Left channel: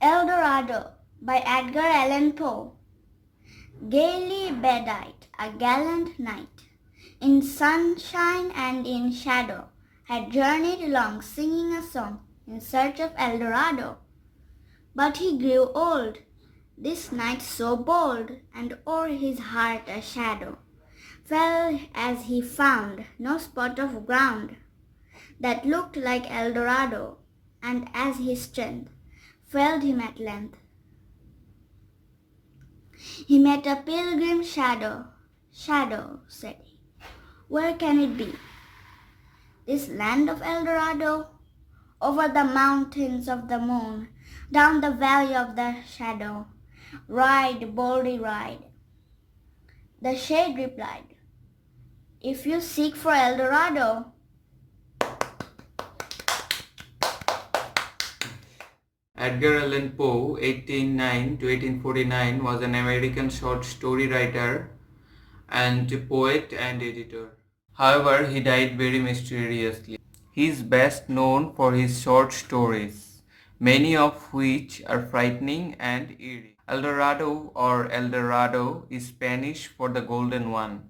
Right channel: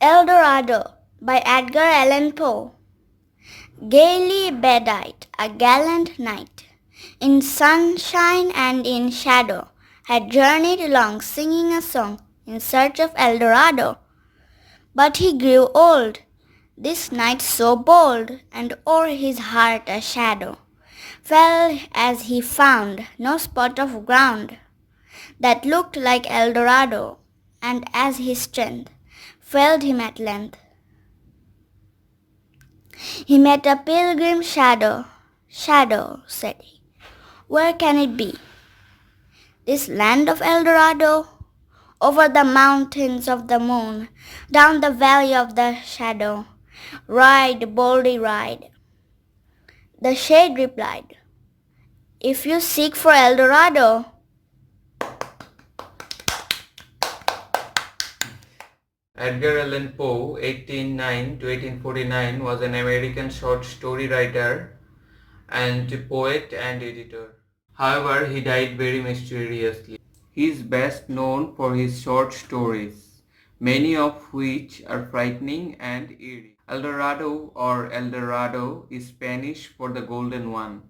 Eldorado by Edgar Allan Poe. Gaily Bedight, a gallant knight, in sunshine and in shadow, had journeyed along singing a song in search of Eldorado. But he grew old, this knight so bold, and o'er his heart a shadow fell as he found no spot of ground that looked like Eldorado, and as his strength failed him at length, he met a pilgrim shadow. Shadow, said he, where can it be? This land of Eldorado? Over the mountains of the moon, down the valley of the shadow. Ride, boldly ride. The shade replied, if you seek for Eldorado. Edgar Allan Poe, 1809 to 1849, was an American short story writer and poet and editor. However, he died very mysteriously. He is best known for his short stories, many of which are frightening and eerie. Eldorado or Eldorado is Spanish for the Golden One.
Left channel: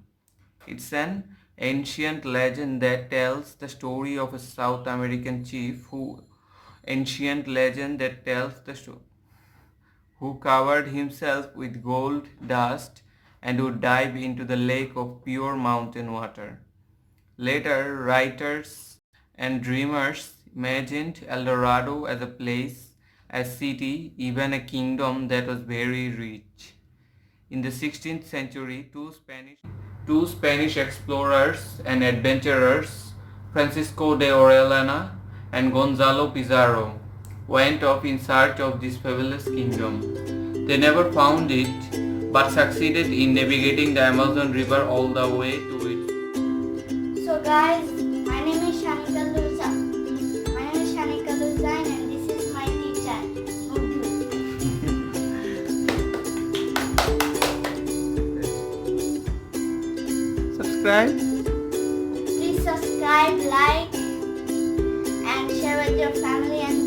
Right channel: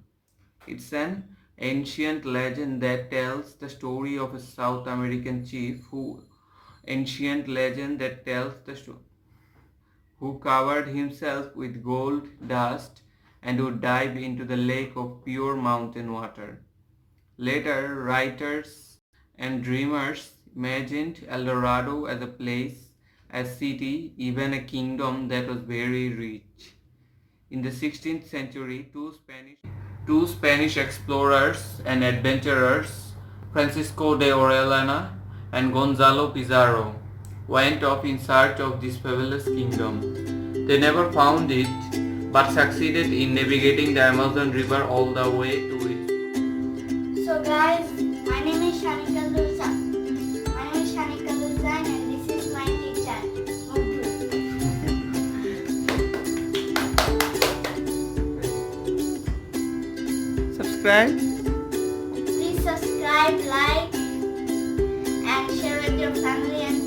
It's an ancient legend that tells the story of a South American chief who covered himself with gold dust and would dive into the lake of pure mountain water. Later, writers and dreamers imagined Eldorado as a place, a city, even a kingdom that was very rich. In the 16th century, two Spanish explorers and adventurers, Francisco de Orellana and Gonzalo Pizarro, went off in search of this fabulous kingdom. They never found it, but succeeded in navigating the Amazon River all the way to it. So guys, my name is Shanika Luza. And this is my teacher, Mudhu. Subscribe. Please subscribe, like, and share with your family and